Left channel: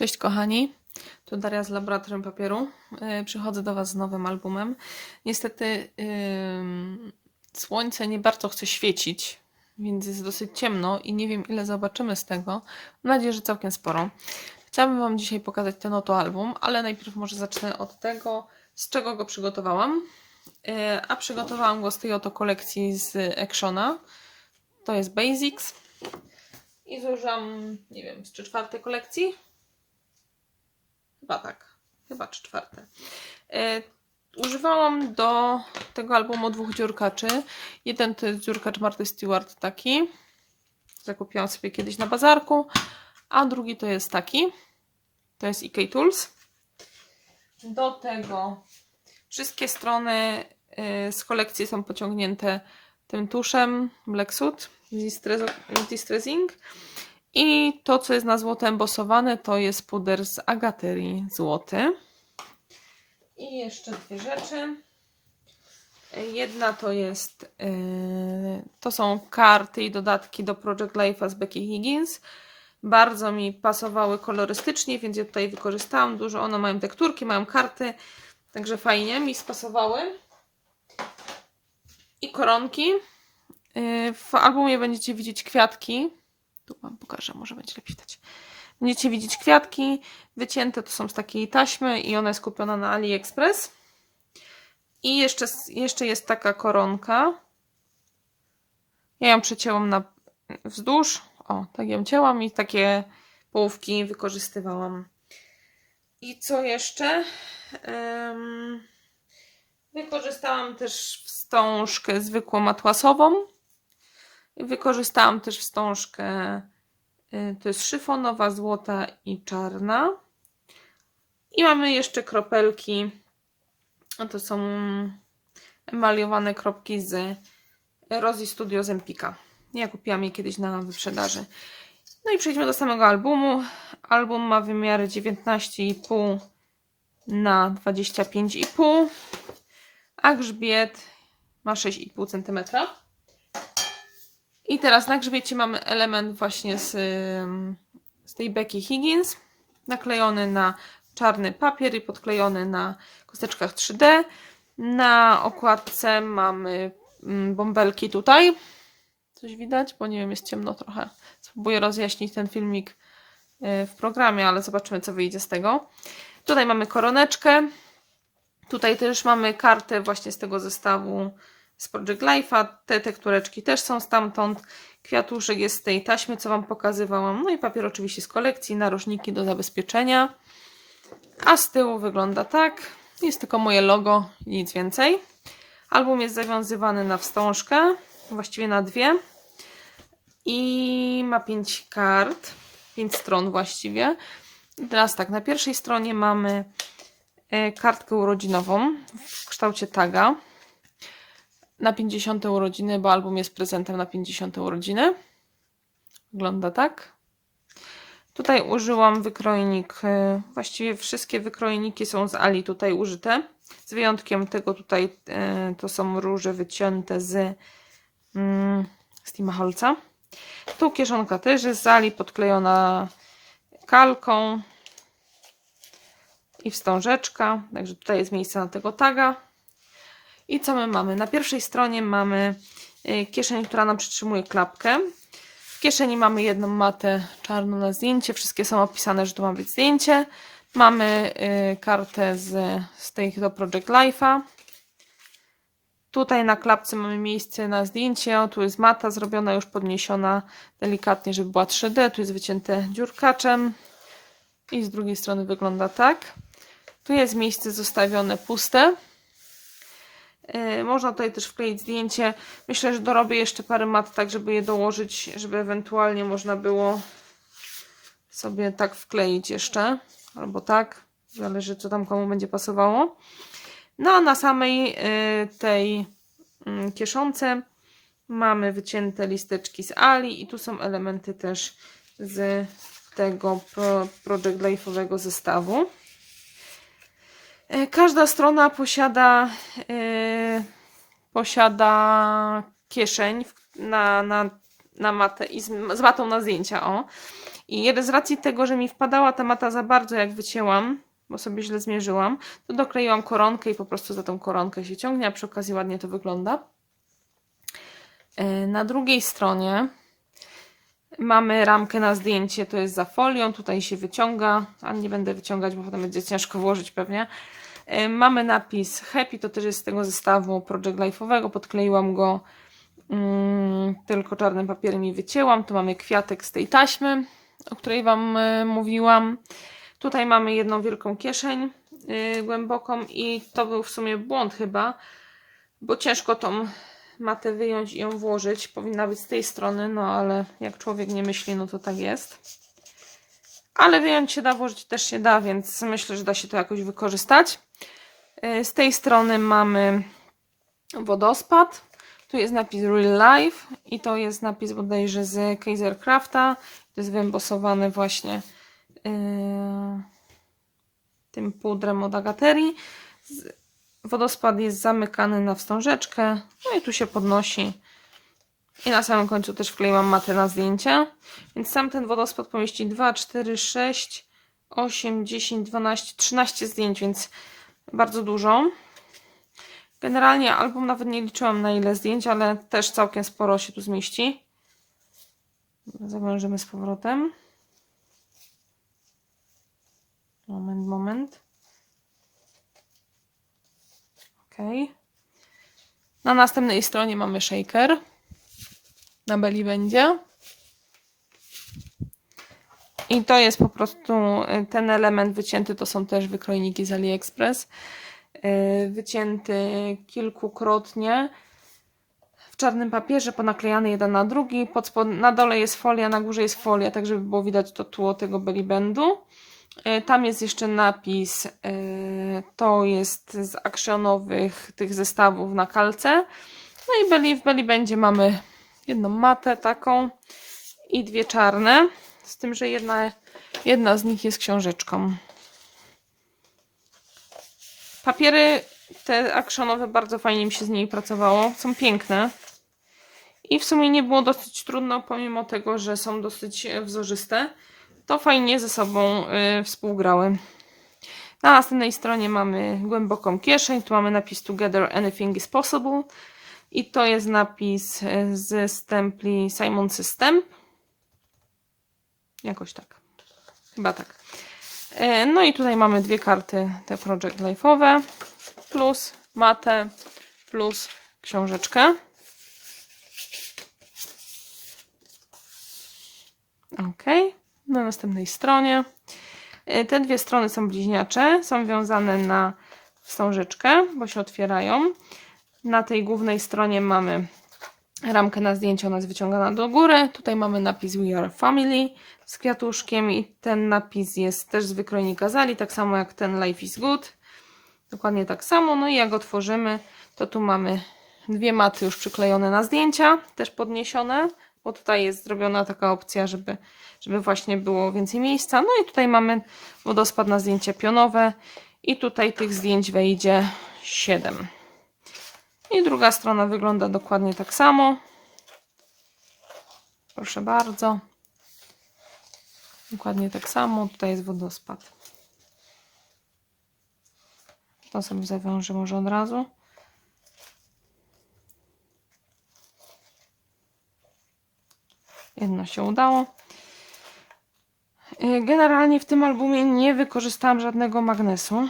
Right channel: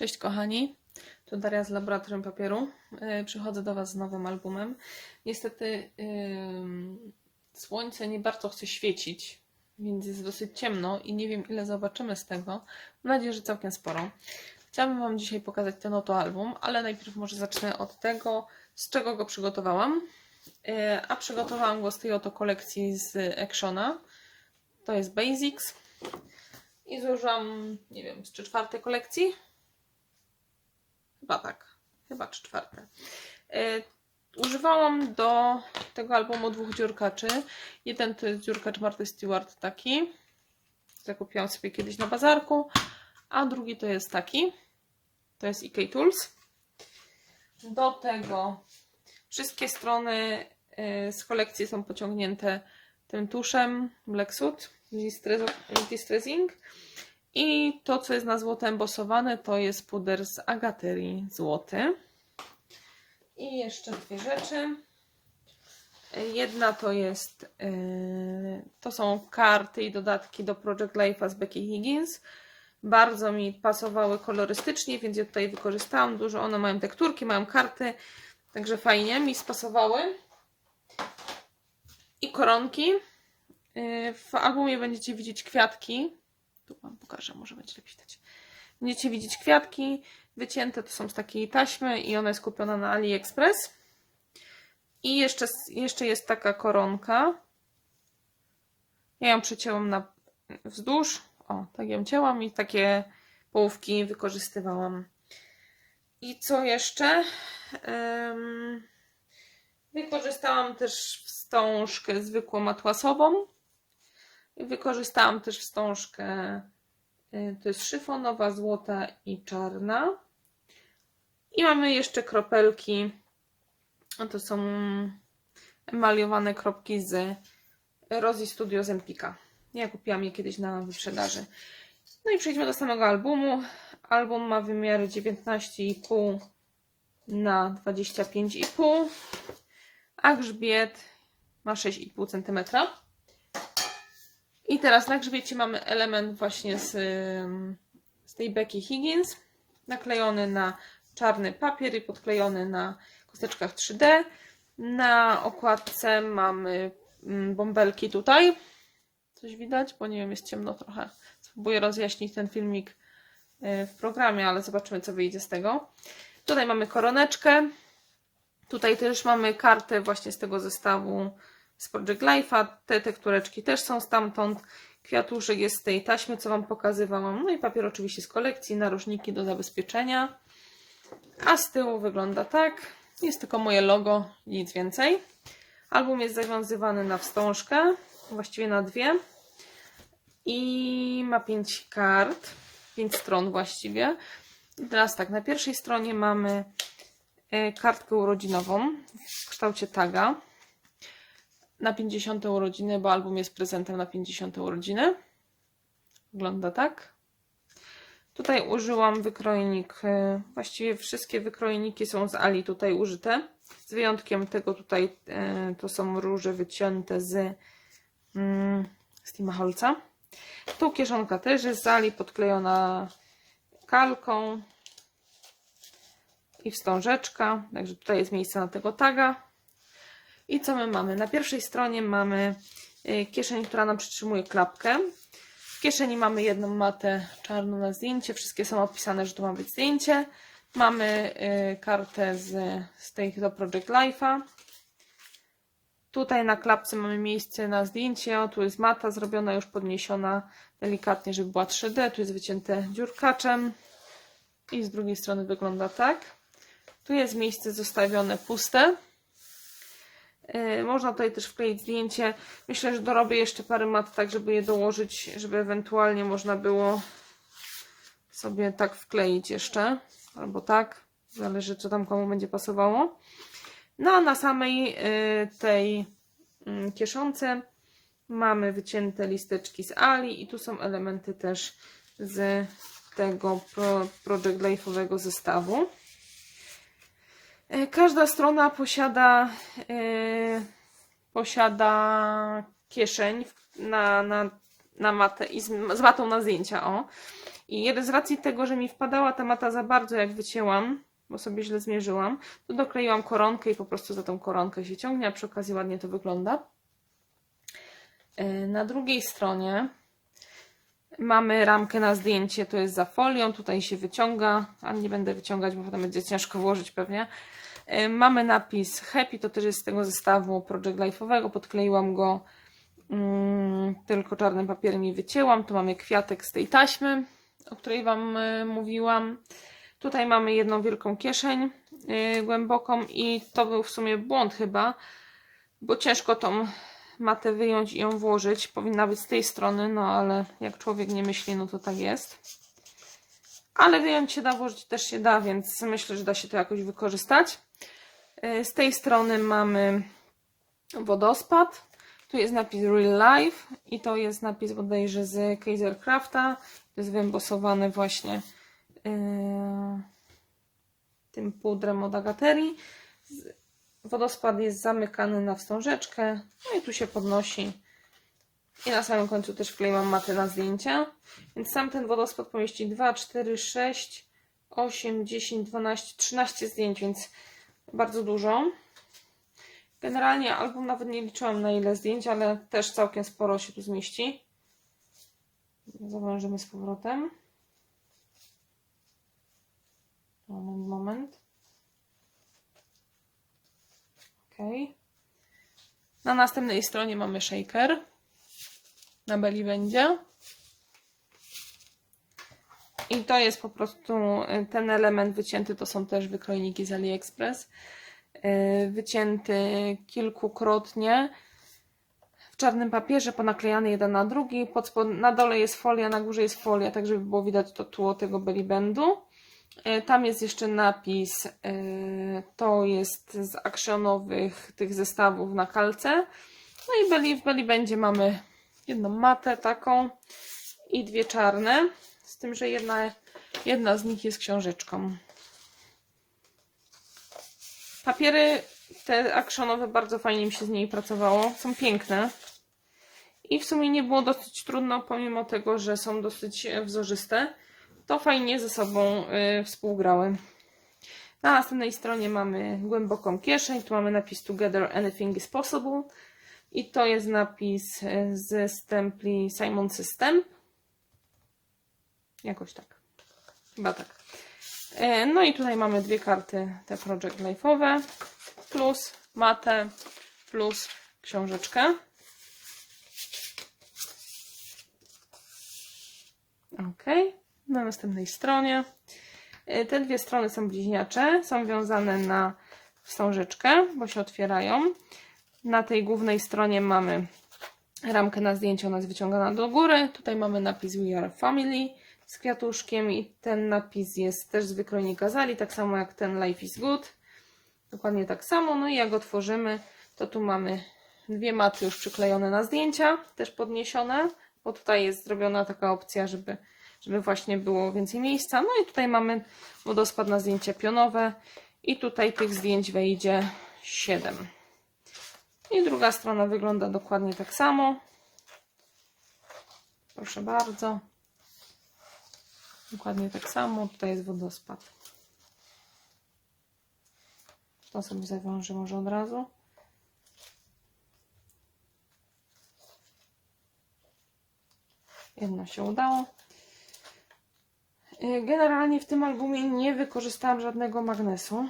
Cześć kochani, tu Daria z Laboratorium Papieru. Yy, Przychodzę do Was z nowym albumem. Niestety ym, słońce nie bardzo chce świecić, więc jest dosyć ciemno i nie wiem ile zobaczymy z tego. Mam nadzieję, że całkiem sporo. Chciałabym Wam dzisiaj pokazać ten oto album, ale najpierw może zacznę od tego, z czego go przygotowałam. Yy, A przygotowałam go z tej oto kolekcji z Actiona. To jest Basics. I zużyłam, nie wiem, z trzy czwarte kolekcji. Chyba tak. Chyba trzy czwarte. Y, używałam do tego albumu dwóch dziurkaczy. Jeden to jest dziurkacz Marty Stewart taki. Zakupiłam sobie kiedyś na bazarku. A drugi to jest taki. To jest EK Tools. Do tego wszystkie strony y, z kolekcji są pociągnięte tym tuszem Black Soot Distressing. I to, co jest na złoto embosowane, to jest puder z agaterii złoty. I jeszcze dwie rzeczy. Jedna to jest, yy, to są karty i dodatki do Project Life'a z Becky Higgins. Bardzo mi pasowały kolorystycznie, więc je tutaj wykorzystałam. Dużo one mają tekturki, mają karty, także fajnie mi spasowały. I koronki. Yy, W albumie będziecie widzieć kwiatki. Tu Wam pokażę, może będzie lepiej widać. Będziecie widzieć kwiatki wycięte, to są z takiej taśmy i ona jest kupiona na AliExpress. I jeszcze, jeszcze jest taka koronka. Ja ją przecięłam na wzdłuż. O, tak ją cięłam i takie połówki wykorzystywałam. I co jeszcze? Wykorzystałam też wstążkę zwykłą atłasową. Wykorzystałam też wstążkę, y, to jest szyfonowa, złota i czarna. I mamy jeszcze kropelki, to są emaliowane kropki z Rosy Studio z Empika. Ja kupiłam je kiedyś na wyprzedaży. No i przejdźmy do samego albumu. Album ma wymiary 19,5 na 25,5, a grzbiet ma 6,5 cm. I teraz na grzbiecie mamy element właśnie z, z tej Becky Higgins, naklejony na czarny papier i podklejony na kosteczkach 3D. Na okładce mamy mm, bąbelki tutaj. Coś widać? Bo nie wiem, jest ciemno trochę. Spróbuję rozjaśnić ten filmik y, w programie, ale zobaczymy, co wyjdzie z tego. Tutaj mamy koroneczkę. Tutaj też mamy kartę właśnie z tego zestawu z Project Life'a. Te tektureczki też są stamtąd. Kwiatuszek jest z tej taśmy, co Wam pokazywałam. No i papier oczywiście z kolekcji, narożniki do zabezpieczenia. A z tyłu wygląda tak. Jest tylko moje logo nic więcej. Album jest zawiązywany na wstążkę, właściwie na dwie. I ma pięć kart, pięć stron właściwie. Teraz tak, na pierwszej stronie mamy e, kartkę urodzinową w kształcie taga na 50 urodziny, bo album jest prezentem na 50 urodziny. Wygląda tak. Tutaj użyłam wykrojnik, e, właściwie wszystkie wykrojniki są z Ali tutaj użyte. Z wyjątkiem tego tutaj e, to są róże wycięte z, mm, z Timaholca. Tu kieszonka też jest z Ali podklejona kalką i wstążeczka. Także tutaj jest miejsce na tego taga. I co my mamy? Na pierwszej stronie mamy y, kieszeń, która nam przytrzymuje klapkę. W kieszeni mamy jedną matę czarną na zdjęcie. Wszystkie są opisane, że to ma być zdjęcie. Mamy y, kartę z, z tej do Project Life'a. Tutaj na klapce mamy miejsce na zdjęcie. O, tu jest mata zrobiona, już podniesiona delikatnie, żeby była 3D. Tu jest wycięte dziurkaczem. I z drugiej strony wygląda tak. Tu jest miejsce zostawione puste. Yy, Można tutaj też wkleić zdjęcie. Myślę, że dorobię jeszcze parę mat, tak żeby je dołożyć, żeby ewentualnie można było sobie tak wkleić jeszcze. Albo tak. Zależy, co tam komu będzie pasowało. No a na samej yy, tej yy, kieszonce mamy wycięte listeczki z Ali i tu są elementy też z tego Pro, Project Life'owego zestawu. E, Każda strona posiada, e, posiada kieszeń na, na, na matę i z, z matą na zdjęcia. O. I z racji tego, że mi wpadała ta mata za bardzo, jak wycięłam, bo sobie źle zmierzyłam, to dokleiłam koronkę i po prostu za tą koronkę się ciągnie, a przy okazji ładnie to wygląda. E, Na drugiej stronie mamy ramkę na zdjęcie, to jest za folią, tutaj się wyciąga, a nie będę wyciągać, bo potem będzie ciężko włożyć pewnie. E, Mamy napis Happy, to też jest z tego zestawu Project Life'owego, podkleiłam go mm, tylko czarnym papierem i wycięłam. Tu mamy kwiatek z tej taśmy, o której Wam e, mówiłam. Tutaj mamy jedną wielką kieszeń y, głęboką i to był w sumie błąd chyba, bo ciężko tą matę wyjąć i ją włożyć. Powinna być z tej strony, no ale jak człowiek nie myśli, no to tak jest. Ale wyjąć się da, włożyć też się da, więc myślę, że da się to jakoś wykorzystać. Y, Z tej strony mamy wodospad. Tu jest napis Real Life i to jest napis bodajże z Kaiserkrafta. To jest wyembosowany właśnie yy, tym pudrem od Agaterii. Wodospad jest zamykany na wstążeczkę, no i tu się podnosi. I na samym końcu też wkleiłam matę na zdjęcie. Więc sam ten wodospad pomieści 2, 4, 6, 8, 10, 12, 13 zdjęć, więc bardzo dużo. Generalnie album nawet nie liczyłam na ile zdjęć, ale też całkiem sporo się tu zmieści. Zawężymy z powrotem. Moment, moment. Ok. Na następnej stronie mamy shaker. Na beli będzie. I to jest po prostu y, ten element wycięty, to są też wykrojniki z AliExpress. Y, Wycięty kilkukrotnie w czarnym papierze, ponaklejany jeden na drugi. Pod spod, na dole jest folia, na górze jest folia, tak żeby było widać to tło tego belly bandu. E, Tam jest jeszcze napis, to jest z akcjonowych tych zestawów na kalce. No i w belly będzie mamy jedną matę taką i dwie czarne, z tym, że jedna, jedna z nich jest książeczką. Papiery te akcjonowe bardzo fajnie mi się z niej pracowało, są piękne. I w sumie nie było dosyć trudno, pomimo tego, że są dosyć e, wzorzyste to fajnie ze sobą y, współgrały. Na następnej stronie mamy głęboką kieszeń, tu mamy napis Together Anything is Possible i to jest napis y, z stempli Simon System. Jakoś tak. Chyba tak. E, No i tutaj mamy dwie karty, te Project Life'owe, plus matę, plus książeczkę. Ok na następnej stronie. Y, Te dwie strony są bliźniacze, są wiązane na wstążeczkę, bo się otwierają. Na tej głównej stronie mamy ramkę na zdjęcie, ona jest wyciągana do góry. Tutaj mamy napis We Are Family z kwiatuszkiem i ten napis jest też z wykrojnika Zali, tak samo jak ten Life is Good. Dokładnie tak samo. No i jak otworzymy, to tu mamy dwie maty już przyklejone na zdjęcia, też podniesione, bo tutaj jest zrobiona taka opcja, żeby żeby właśnie było więcej miejsca. No i tutaj mamy wodospad na zdjęcia pionowe i tutaj tych zdjęć wejdzie 7. I druga strona wygląda dokładnie tak samo. Proszę bardzo. Dokładnie tak samo. Tutaj jest wodospad. To sobie zawiążę może od razu. Jedno się udało. Y, Generalnie w tym albumie nie wykorzystałam żadnego magnesu.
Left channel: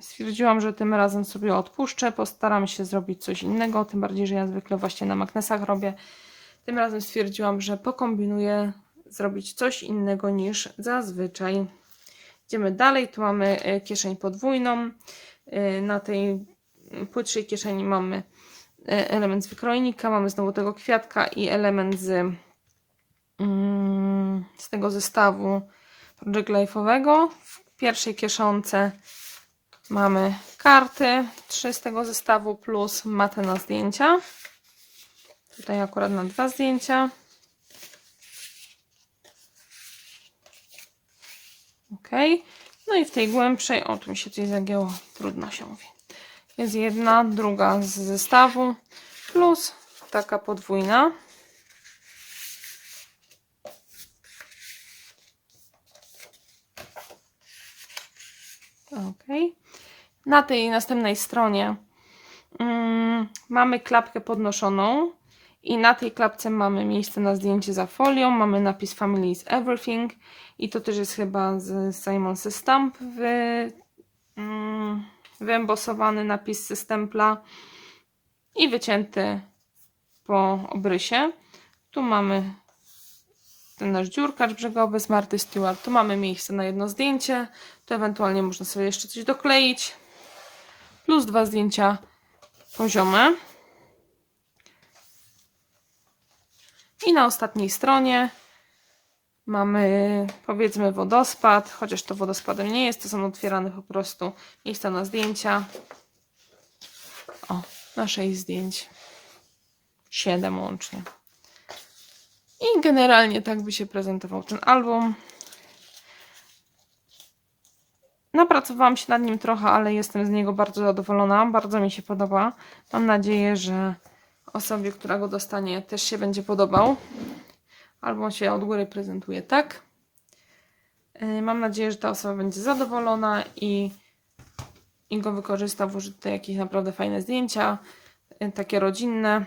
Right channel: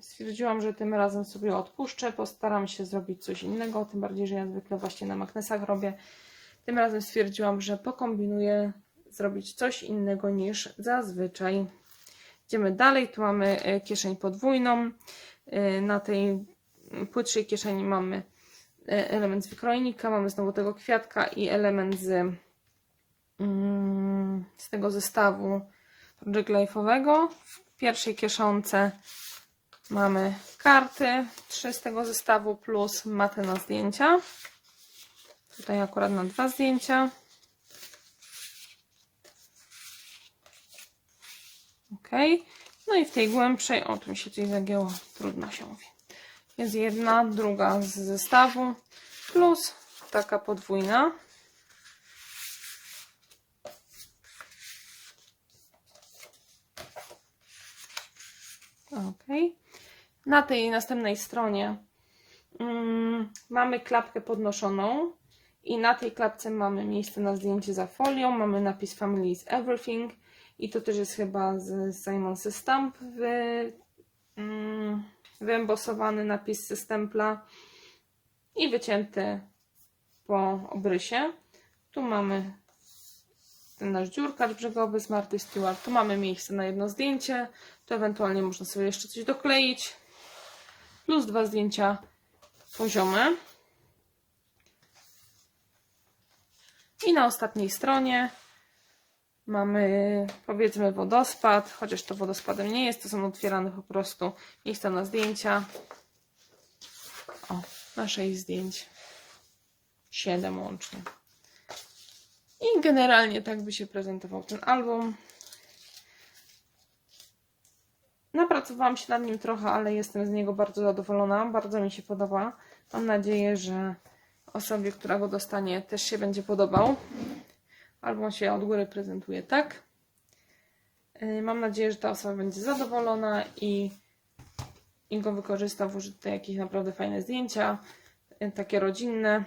Stwierdziłam, że tym razem sobie odpuszczę, postaram się zrobić coś innego, tym bardziej, że ja zwykle właśnie na magnesach robię. Tym razem stwierdziłam, że pokombinuję zrobić coś innego niż zazwyczaj. Idziemy dalej, tu mamy y, kieszeń podwójną. Y, Na tej płytszej kieszeni mamy y, element z wykrojnika, mamy znowu tego kwiatka i element z, mm, z tego zestawu Project Life'owego. W pierwszej kieszonce mamy karty, trzy z tego zestawu plus matę na zdjęcia. Tutaj akurat na dwa zdjęcia. Ok. No i w tej głębszej, o tu mi się coś zagięło, trudno się mówi. Jest jedna, druga z zestawu plus taka podwójna. Ok. Na tej następnej stronie mm, mamy klapkę podnoszoną i na tej klapce mamy miejsce na zdjęcie za folią, mamy napis Family is Everything i to też jest chyba z Simon Says Stamp wy, mm, wyembosowany napis ze stempla i wycięty po obrysie. Tu mamy ten nasz dziurkacz brzegowy z Marty Stewart. Tu mamy miejsce na jedno zdjęcie. Tu ewentualnie można sobie jeszcze coś dokleić. Plus dwa zdjęcia poziome. I na ostatniej stronie mamy powiedzmy wodospad, chociaż to wodospadem nie jest, to są otwierane po prostu miejsca na zdjęcia. O, na 6 zdjęć. 7 łącznie. I generalnie tak by się prezentował ten album. Napracowałam się nad nim trochę, ale jestem z niego bardzo zadowolona. Bardzo mi się podoba. Mam nadzieję, że osobie, która go dostanie, też się będzie podobał. Album się od góry prezentuje tak. Yy, Mam nadzieję, że ta osoba będzie zadowolona i, i go wykorzysta, włoży tutaj jakieś naprawdę fajne zdjęcia, yy, takie rodzinne.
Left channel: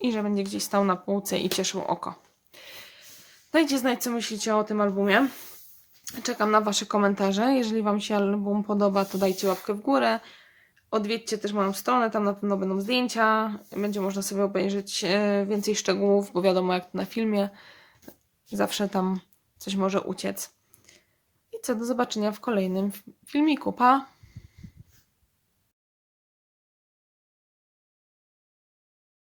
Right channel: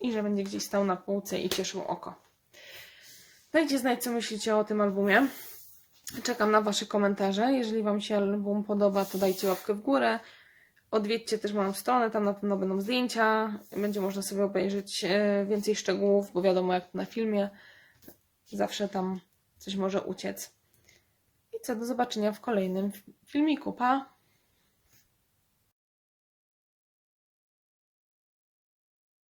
i że będzie gdzieś stał na półce i cieszył oko. Dajcie znać, co myślicie o tym albumie. Czekam na Wasze komentarze. Jeżeli Wam się album podoba, to dajcie łapkę w górę. Odwiedźcie też moją stronę, tam na pewno będą zdjęcia. Będzie można sobie obejrzeć e, więcej szczegółów, bo wiadomo, jak na filmie, zawsze tam coś może uciec. I co, do zobaczenia w kolejnym filmiku. Pa!